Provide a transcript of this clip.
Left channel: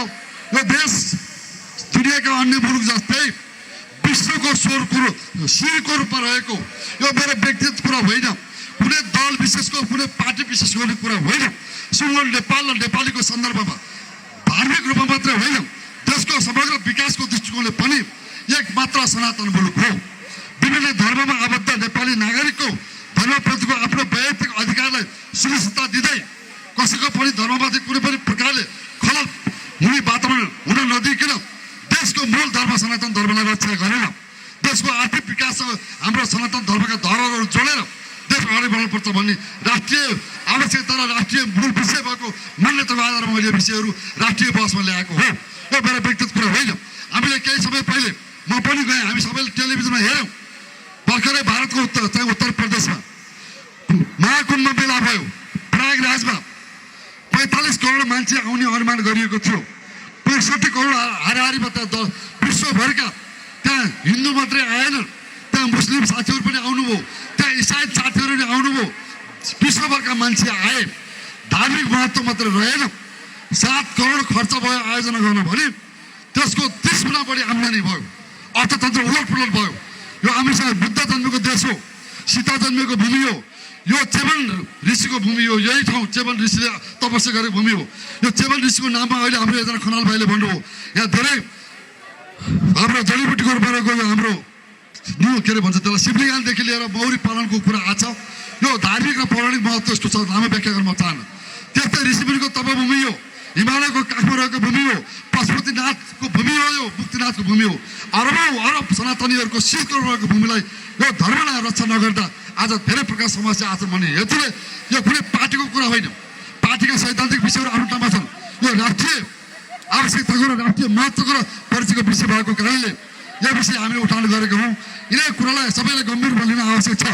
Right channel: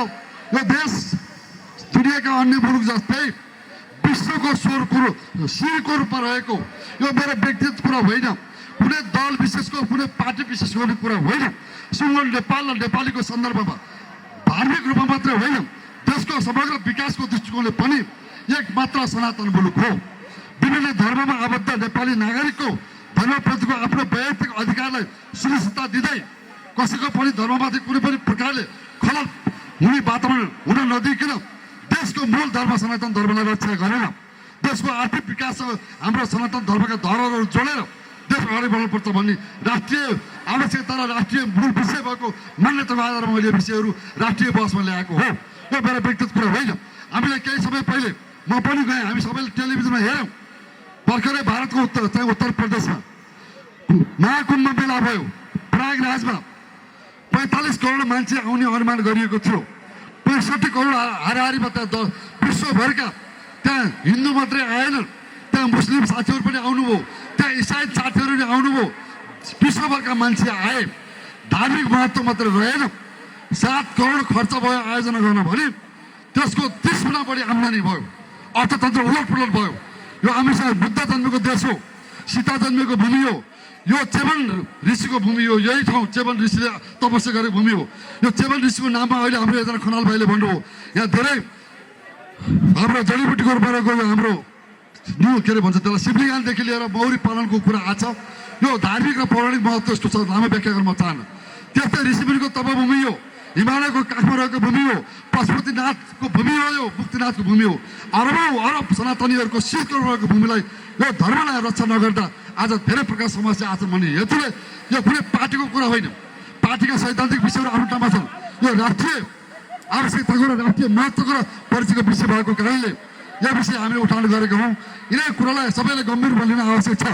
यो देश दुनियाँका अन्य मुलुक जस्तै विश्वको शिरको रूपमा रहेको यो मेरो व्यक्तिगत कुरा होइन, कुनै दल विशेषको कुनै पार्टी विशेषको कुरा होइन। सिङ्गो नेपाल र नेपालीको सन्दर्भमा धार्मिक रूपमा मात्रै होइन, देशको समग्र विकासको दृष्टिकोणले पनि एक मात्र सनातन मुलुक हो। विभिन्न धर्ममा आबद्ध नेपाली नागरिकको धर्मप्रतिको आफ्नो वैयक्तिक अधिकारलाई सुनिश्चितता दिँदै कसैको पनि धर्ममाथि कुनै पनि प्रकारले खलल हुने वातावरण हुन नदिइकन देशको मूल धर्म सनातन धर्मलाई रक्षा गरेर देशको आर्थिक विकाससँग हाम्रो सनातन धर्मका धरहरहरू जोडेर देश अगाडि बढ्नुपर्छ भन्ने राष्ट्रिय आवश्यकता र राष्ट्रिय मूल विषय भएको मान्यताको आधारमा मैले विषयहरू राष्ट्रिय बहसमा ल्याएको हो। यो मेरो व्यक्तिगत कुरा होइन। हामीले केही समय पहिले म पनि गएँ, हामी सबैले टेलिभिजनमा हेऱ्यौँ। भर्खरै भारतको उत्तर प्रदेशमा महाकुम्भ मेला भयो। प्रयागराजमा 45 करोड मान्छे आउने अनुमान गरिएको थियो। 65 करोड हाराहारीमा त्यहाँ विश्वभरका त्यहाँ हिन्दू मात्रै आएनन्, त्यहाँ मुस्लिम साथीहरू पनि आउनुभयो, त्यहाँ इसाई साथीहरू पनि आउनुभयो। विश्वभरका मान्छे आए, धार्मिक महत्त्व मात्र रहेन। 7 करोड खर्च भयो आयोजना गर्न भने त्यसको 30 गुणा बढी आम्दानी भयो, अर्थतन्त्र उलटपुलट भयो। यो हामीसँग बुद्ध जन्मेको देश हो, सीता जन्मेको भूमि हो, यो चेवन ऋषिको भूमि हो। यही ठाउँ चेवन ऋषिले तपस्या गरेको भूमि हो। यो चेवन ऋषिको नाममा अहिले हाम्रो एकजना खनाल भाइले भन्नुभयो, यहाँ धेरै हाम्रो जडीबुटीको रूपमा गयो। हाम्रो के अरे भन्छ त्यसलाई शिवलिङ्गदेखि लिएर मौरी पालनको कुरा आछ। यो धार्मिक र पौराणिक महत्त्व यस्तो छ, लामो व्याख्या गर्न म चाहन्न। त्यस्तै ऋषिमुनिको तपभूमि हो, हिमालयको काखमा रहेको भूमि हो, पशुपतिनाथको भूमि हो, यो मुक्तिनाथको भूमि हो। अरब सनातनीहरूको शिरको रहेको भूमिलाई यो धर्मलाई रक्षा नगर्दा आज धेरै प्रकार समस्या आछन् भन्ने हेतुले यो कुनै पार्टीको कुरा होइन। पार्टीका सैद्धान्तिक विषयहरू आफ्नो ठाउँमा छन्। यो राष्ट्रिय आवश्यकताको र राष्ट्रिय महत्त्वको र परिचयको विषय भएको कारणले यो विषय हामीले उठान गरेका हौँ। यिनै कुरालाई सबैले गम्भीर रूपमा लिन आवश्यक छ।